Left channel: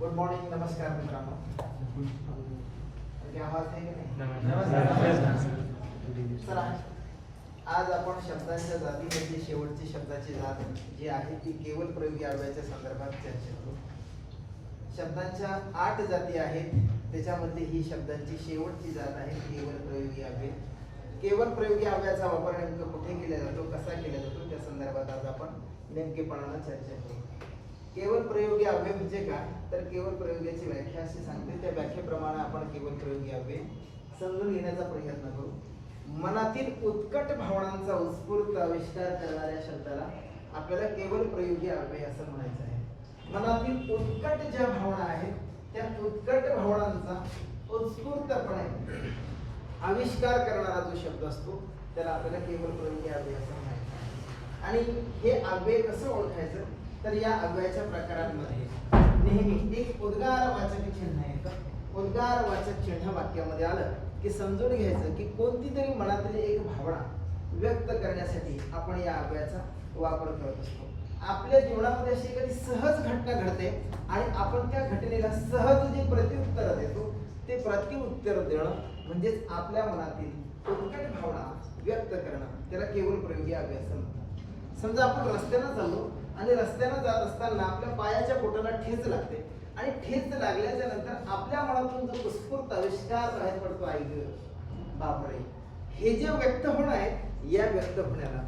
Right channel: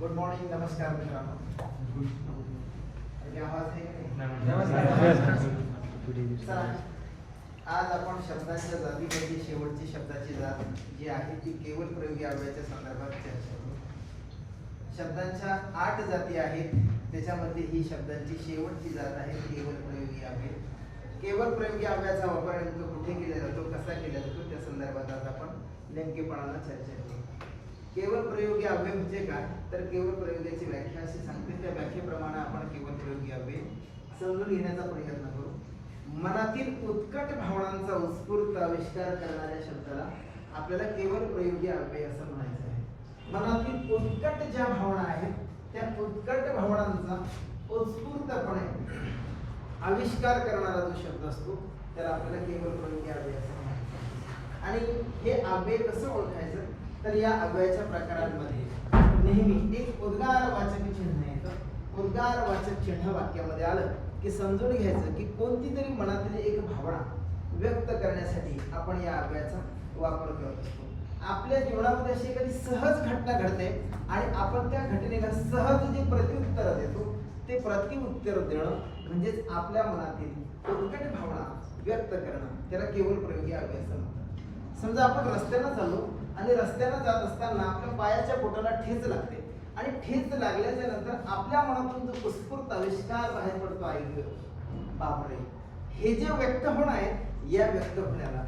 Good morning, नमस्कार मित्रांनो. आवाज आहे की नाही? चला, आज आपण शब्दांच्या जातीमध्ये शेवटची शब्दाची जात जी आहे ती केवल प्रयोगी अव्ययाच्या संदर्भात चर्चा करू. शब्दांच्या 8 जाती आहेत, त्याच्यामध्ये ही शब्दांची शेवटची जात आहे केवल प्रयोगी अव्यय. केवल प्रयोगी अव्ययाचा वापर नेमका कुठे केला जातो, कसा केला जातो, त्या संदर्भात आज आपण नेमकेपणाने चर्चा करू. केवल प्रयोगी अव्यय म्हणजे काय, तर केवल प्रयोगाची व्याख्या अशी सांगते, त्या व्याख्येप्रमाणे आपण केवल प्रयोगी अव्यय समजून घेण्याचा प्रयत्न करू. मनातील उत्कट भावनांचा उत्स्फूर्त आविष्कार करणाऱ्या शब्दाला आपल्याला केवल प्रयोगी अव्यय असं म्हणायचं आहे. मनातील उत्कट ज्या भावना आहेत त्या उत्कट भावनांचा उत्स्फूर्तपणे आविष्कार करणारा जो शब्द असतो त्याला आपल्याला केवल प्रयोगी अव्यय असं म्हणायचं आहे. आणि हे अव्यय कसं ओळखायचं, तर या अव्ययाच्या प्रकारांमध्ये नेहमी एक उद्गारवाचक चिन्ह येतं. उद्गारवाचक चिन्ह वाक्यामध्ये आलं की समजून घ्यायचं की कोणती तरी मनातील एक भावना व्यक्त करण्यासाठी आपण या अव्ययाचा वापर करत असतो. आपल्या जीवनामध्ये अशी एखादी सहज घटना घडते आणि आपण त्या घटनेला सहज जे प्रत्युत्तर देतो ते प्रत्युत्तर देणं म्हणजेच आपल्या मनातील उत्कट भावना व्यक्त करणं, त्याला केवल प्रयोगी अव्यय असं म्हणतात. समजा आपण रस्त्यानं चाललो आणि रस्त्यानं जात असताना आपल्या पायाच्या बोटाला ठेच लागते आणि ठेच लागल्याच्या नंतर आपल्या मनातून जो उत्स्फूर्त आविष्कार बाहेर पडतो, आई बापरे, हे जे व्यक्त होणं आहे या व्यक्त होण्याला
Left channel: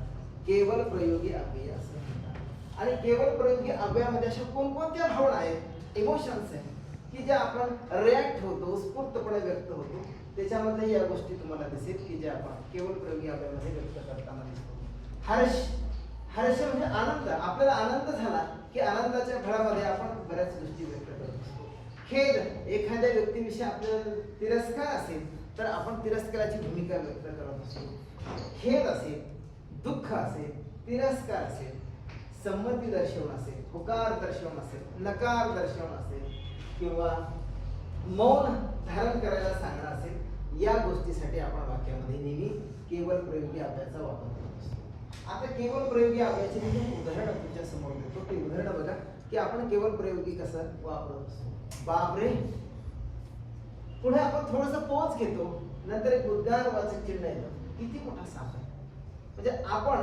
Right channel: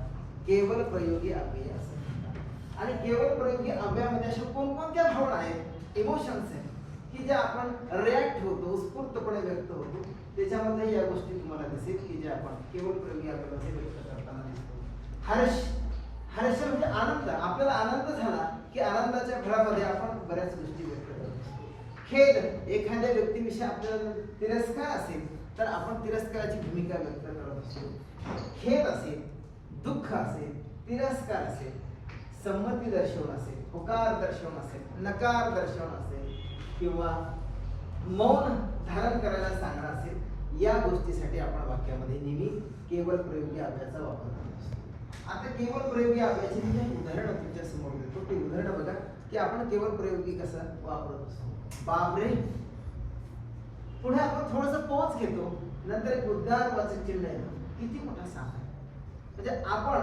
केवल प्रयोगी अव्यय असं म्हणतात. आणि केवल प्रयोगी अव्ययामध्ये अशा कोणकोणत्या भावना आहेत, इमोशन्स आहेत की ज्या आपण रिॲक्ट होतो, उत्स्फूर्तपणे व्यक्त होतो, त्याच्यामध्ये या गोष्टी तुम्हाला दिसेल की जे आपण केवल प्रयोगी अव्ययामध्ये व्यक्त करताना दिसतो. हर्ष म्हणजे आनंद, आपल्याला आनंद झाला की आनंदाच्या भरामध्ये आपण बऱ्याच गोष्टी व्यक्त करत असतो. खेद, एखाद्या व्यक्तीविषयी आपल्याला तिरस्कार असेल तर आपण तिरस्काराची भूमिका व्यक्त करत असतो. खेद असेल, दुःख असेल, तिरस्कार असेल, संमती दर्शवणं असेल, होकार दर्शवणं असेल, नकार दर्शवणं असेल किंवा मौन धारण करायला सांगणं असेल, या गोष्टीसाठी आपण वाक्यामध्ये नेहमी केवल प्रयोगी अव्ययाचा वापर करतो. आता केवल प्रयोगी अव्ययाचे मी उदाहरण तुमच्या समोर देतो. ते उदाहरण बघा की आपण केवल प्रयोगी कसं वापरत असतो. बापरे, पुढे आपण थोडंसं पोच घेतो, नंतर एक उद्गारवाचक चिन्ह येतं, किती मोठा साप आहे. म्हणजे आपण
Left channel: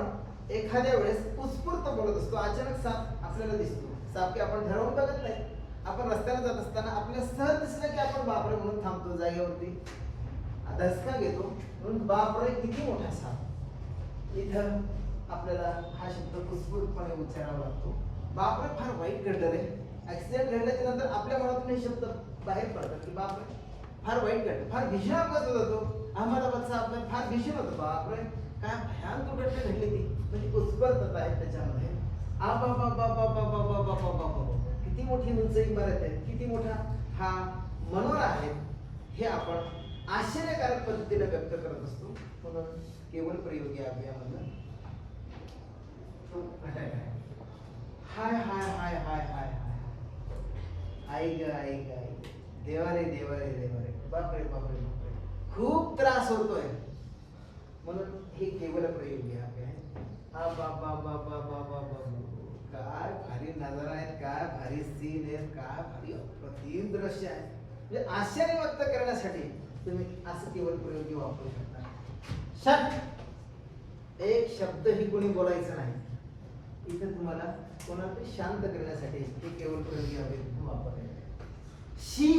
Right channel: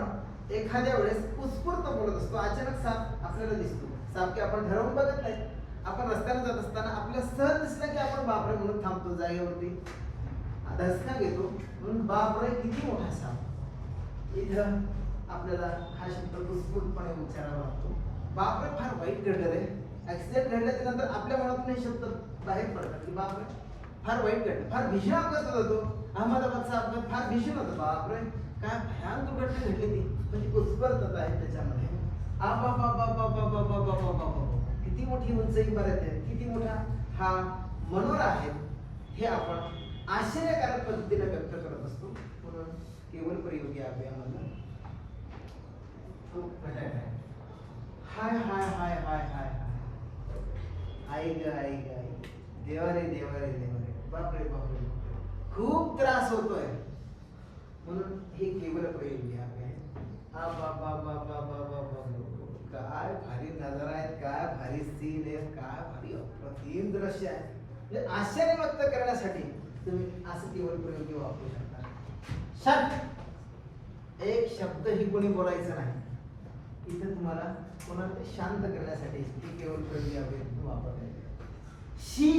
एखाद्या वेळेस उत्स्फूर्त बोलत असतो, अचानक साप आपल्याला दिसतो. साप की आपण ठरवून बघत नाही, आपण रस्त्याने जात असताना आपल्याला सहज दिसलं की आपण बापरे म्हणून थांबतो जागेवरती, धसका घेतो म्हणून बापरे किती मोठा साप. इथं आपल्याला हा शब्द उत्स्फूर्तपणे उच्चारावा लागतो. बापरे फार वाईट घडलं रे, ऍक्सिडेंट घडल्याच्या नंतर आपल्या मनातून हे शब्द बाहेर पडतात की बापरे फार वाईट घडलं, फार भीषण अपघात होता तो, अहमदाबादचा अपघात फार भीषण होता, बापरे काय भयान दुर्घटना घडली ती. म्हणजे उत्स्फूर्तता आहे त्याच्यामध्ये. किती मोठी उंच इमारत आहे, किती मोठा हा मनोरा आहे, हे आपण आश्चर्यकारक पद्धतीने व्यक्त करत असतो. म्हणून केवल प्रयोगी अव्ययामध्ये हाय हाय हाय हाय हाय आई ग आई ग आई, देवा रे देवा रे देवा रे, बापरे बापरे बापरे, खूप त्रास होतोय, म्हणून हे केवल प्रयोगी अव्यय आहे. हा बा बा बा बा बा बा बा, काय भारी नजारा आहेत, काय भारी सीन आहेत, काय भारी अप्रतिम दृश्य आहे. म्हणजे आश्चर्य व्यक्त करण्यासाठी तुम्ही असं केवल प्रयोगी वापरू शकता. शब्द, एक शब्द ही कोणी बोलायचं नाही, इथं तुम्हाला कोणाला तरी शांत करण्यासाठी हे केवल प्रयोगी अव्यय वापरले. शी,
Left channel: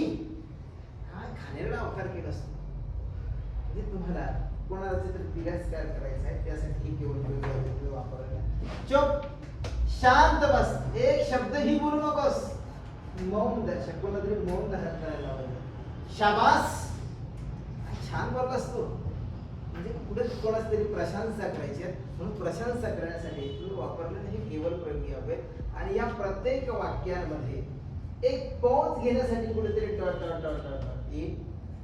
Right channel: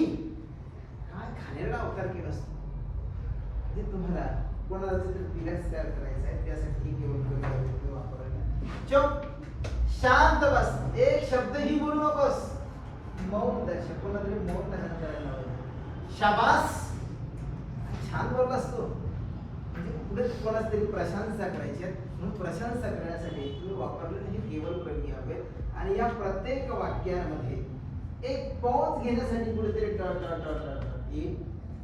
काय घाणेरडा अवतार केला असतो, म्हणजे तुम्हाला कोणाला तरी तिरस्कार करायचा आहे त्यासाठी ही केवल प्रयोगी अव्यय वापरले. चुप, शांत बस, एक शब्दही बोलू नकोस, मौन दर्शक, कोणातरी मौन धारण करायला लावायचं. शाबास, छान बोलला असतो, म्हणजे पुढे कोणाच तरी प्रशंसा करायची, म्हणून प्रशंसा करण्यासाठी वापरलेलं हे केवल प्रयोगी अव्यय. आणि या प्रत्येक वाक्यांमध्ये एक पॉज घेण्यासाठी कुठेतरी टळ येईल,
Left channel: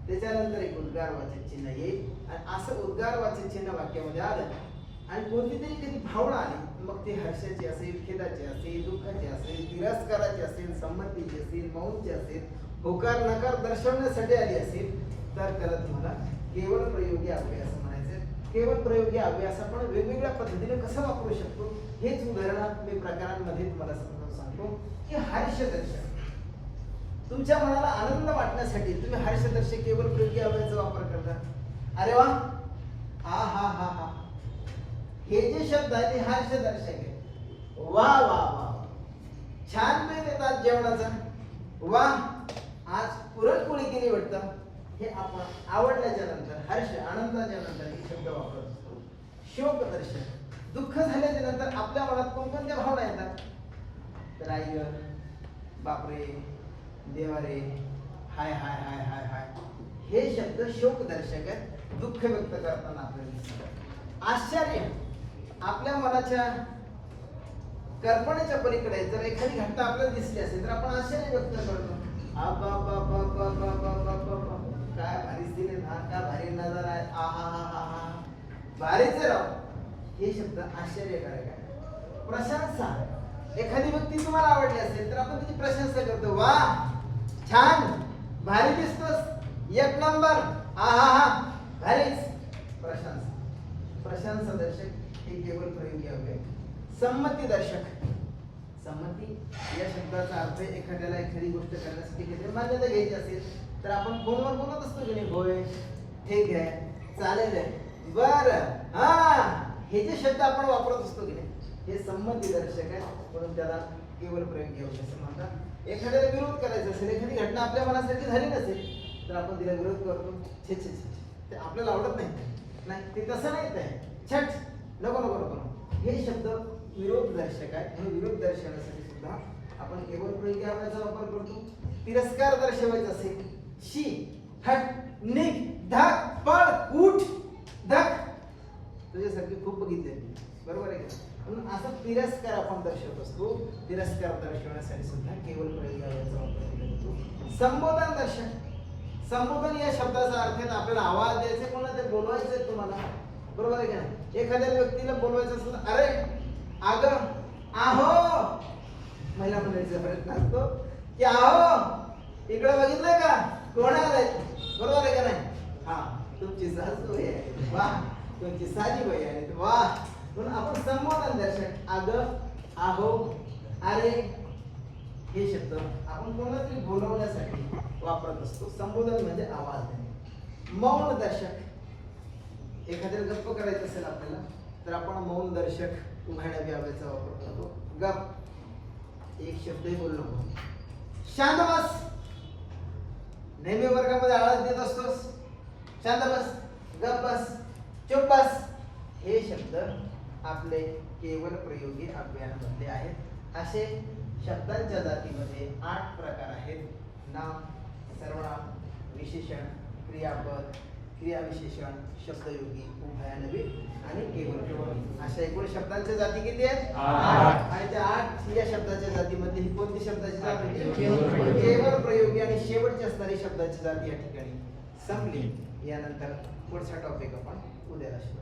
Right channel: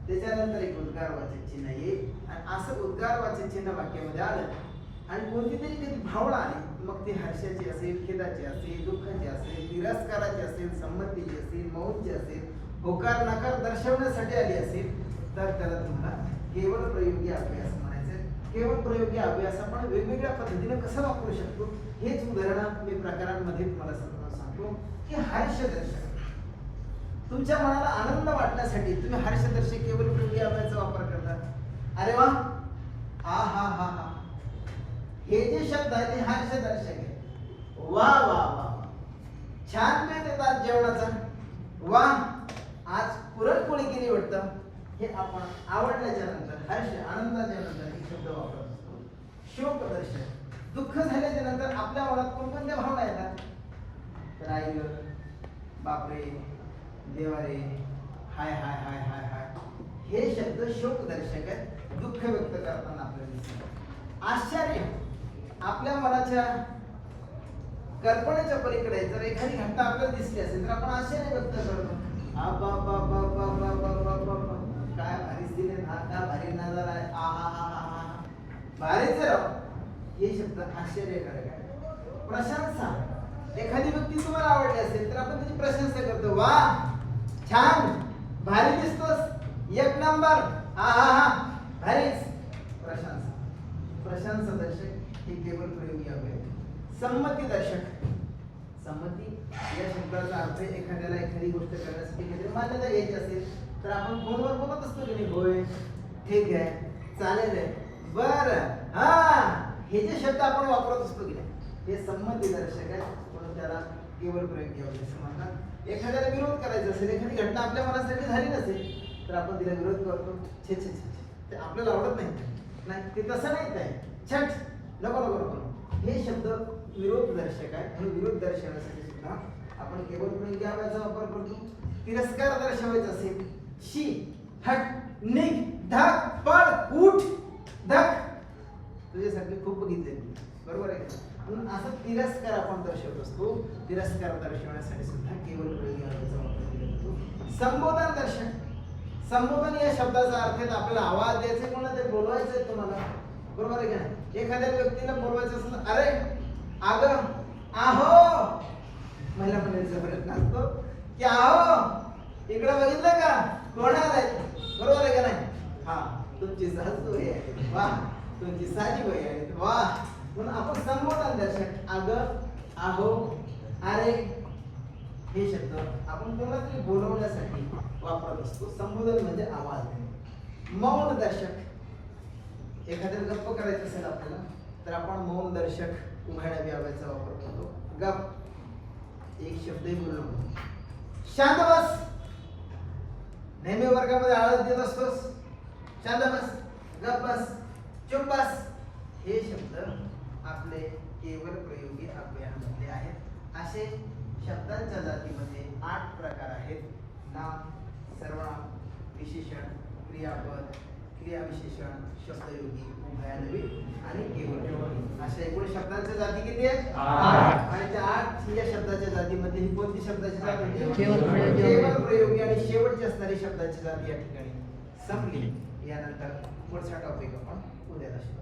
त्याच्यानंतर एक उद्गारवाचक चिन्ह येईल, आणि असं उद्गारवाचक चिन्ह वाक्यामध्ये आलं आणि कोणती तरी कधी भावना आली, मग ती हर्षाची असेल, खेदाची असेल, दुःखाची असेल, तिरस्काराची असेल, संमतीची असेल, मौनची असेल, होकार नकार दर्शवण्यासाठी आली असेल, तर त्याला तुम्हाला केवल प्रयोगी अव्यय असं म्हणायचं. केवल प्रयोगी अव्ययास आपण वेगवेगळ्या पद्धतीने कसं वापरू शकतो हेच उदाहरण मी प्रकारांमध्ये तुम्हाला सांगतो की हर्ष दर्शक. तुमच्या मनाला आनंद वाटण्यासाठी तुम्ही हर्षदर्शक केवल प्रयोगी अव्ययाचा वापर करता. अरे वा, हा हा हा हा, हे जे शब्द आहेत ते हर्षदर्शक आहे. वा वा वा, छान बेत येतात जेवणाचा. वा, आज पुरणपोळी केली वाटतं. हे आपण आवडल्याच्या नंतर, हर्ष आनंदाच्या नंतर हे शब्द वापरतो. शोकदर्शक, दुःख झाल्याच्या नंतर आपल्या मनात कोणकोणत्या भावना येतात? तर आई ग, बापरे, देवारे, हाय हाय हाय हाय हाय, हे शब्द शोकदर्शक आहेत. दुःख व्यक्त करताना आपल्याला दिसतात. आश्चर्य, आपल्या मनाच्या कल्पनेच्या पलीकडे जर एखादी घटना आपल्याला दिसली असेल तर आपण आश्चर्य व्यक्त करतो. काय भारी स्थिती, काय भारी नजारा आहे, आ हा हा हा हा, भारीच राव. हे शब्द आश्चर्यकारक आहे. प्रशंसा, एखादी व्यक्ती तुम्हाला आवडली असेल तर आपण त्याची प्रशंसा करतो. वा, छान, भारी दिसतोस, एक नंबर, हा हा हा, भारीच. प्रशंसा, प्रशंसा दर्शक हे केवळ प्रयोगी अव्यय. संमती दर्शक, संमती या शब्दाचा अर्थ एखाद्याला एखादी गोष्ट करण्यासाठी काहीतरी मान्यता घ्यायची असेल तर आपण फोनवर बोलत असतो की नाही, होय, ठीक आहे, चालेल आहे, बरं, हा, हे जे शब्द आपण वापरत असतो की नाही, हे संमती दर्शक आहे. म्हणून त्याला केवळ प्रयोगी अव्यय असं म्हणतात. एखाद्याला विरोध करायचा असेल, एखादी घटना आपल्या मनासाठी झाली नसेल तर आपण तिला विरोध करतो. छे छे छे, ते आपल्याला आवडत नाही, ते तसं नाही, ते छट, नको नको नको, हे शब्द विरोध दर्शक आहे. म्हणून विरोध दर्शवण्यासाठी सुद्धा आपण केवळ प्रयोगी अव्ययाचा वापर करतो. तिरस्कार दर्शवायचा असेल, शी, हट, निघ, धक, पळ, उठ, धक, तुझ्यासारखे खूप बघितले, बरोबर आहे. म्हणून असं तिरस्कार आपण दर्शवत असतो. तिरस्कार दर्शवण्यासाठी सुद्धा केवळ प्रयोगी अव्ययाचा वापर करतो. संबोधन दर्शक, संबोधन या शब्दाचा अर्थ आहे आपल्याला आवाज द्यायचा, कोणाला तरी बोलवायचं आहे तुम्हाला, बरोबर आहे का नाही. एखाद्या व्यक्तीला बोलवायचं असेल, अरे, अग, आहो, महिला म्हणायचा प्रयत्न असतो की आहो, इकडे बघितलं का, कोण आलाय, बरोबर आहे का नाही. हा, तुमची सासूबाई आहे, वा, तुमची साजीबाई आहे, वा. म्हणून आपण संबोधन दर्शक अग, आहो, अरे, हे शब्द आपण कोणाला तरी बोलवण्यासाठी वापरत असतो. संबोधन म्हणजे आवाज. मौन दर्शक, एखाद्याला गप्प करायचं असेल आपल्याला तर आपण मौन दर्शक उघड्या अव्ययाचा वापर करतो. गप, एक शब्दही बोलू नको, शांत बस, नेहमी वर्गामध्ये आळस देत असतोस, शांत बस, गप बस, चुप बस, हे शब्द आपले केवळ प्रयोगी अव्ययांमधले आहेत. असे शब्दांच्या जातीमध्ये 8 प्रकार आहेत. नाम, सर्वनाम, विशेषण, क्रियापद, क्रियाविशेषण, शब्दयोगी, उभयान्वयी आणि केवळ प्रयोगी. अशा एकूण शब्दांच्या जाती किती आहेत? 8. आणि त्या 8 या शब्दाच्या जातीमध्ये ही कोणती शब्दाची जात होती? केवळ प्रयोगी. आणि शेवटची असणारी शब्दाची जाती या ठिकाणी संपली. यानंतर पुढचा टॉपिक आपण उद्याला शिकू.